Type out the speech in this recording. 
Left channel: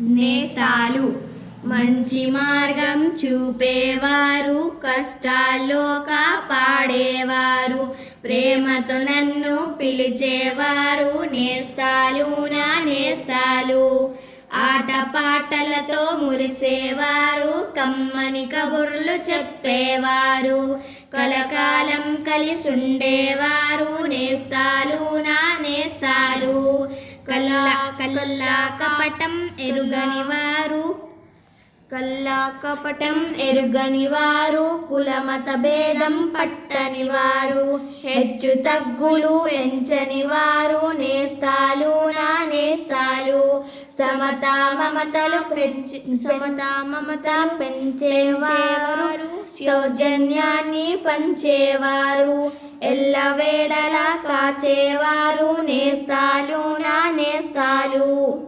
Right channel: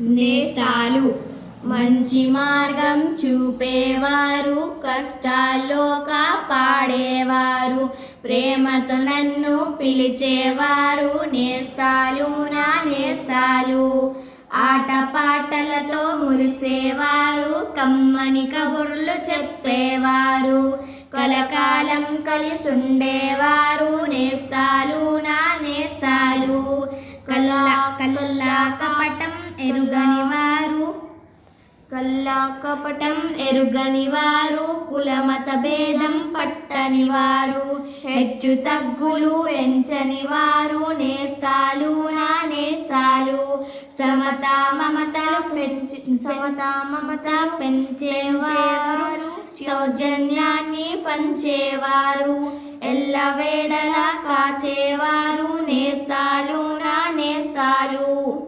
నేస్తాలు మంచి మార్గం చూపేవారు, కష్టాల్లో కాపాడేవారు, ప్రేమతో నన్ను పిలిచేవారు నేస్తాలు నా నేస్తాలు. ఆటపాటలతో మురిసేవారు, కమ్మని కబుర్లు చెప్పేవారు, కలకాలం కలిసుండేవారు నేస్తాలు నా నేస్తాలు. కపటం ఎరుగని వారు, కులమత భేదం పట్టని వారు, హెచ్చు తగ్గులు ఎంచని వారు నేస్తాలు నా నేస్తాలు. సమతా మమతలు పెంచేవారు, సౌజన్యాన్ని పంచేవారు, ఎల్లవేళలా కాచేవారు నేస్తాలు నా నేస్తాలు.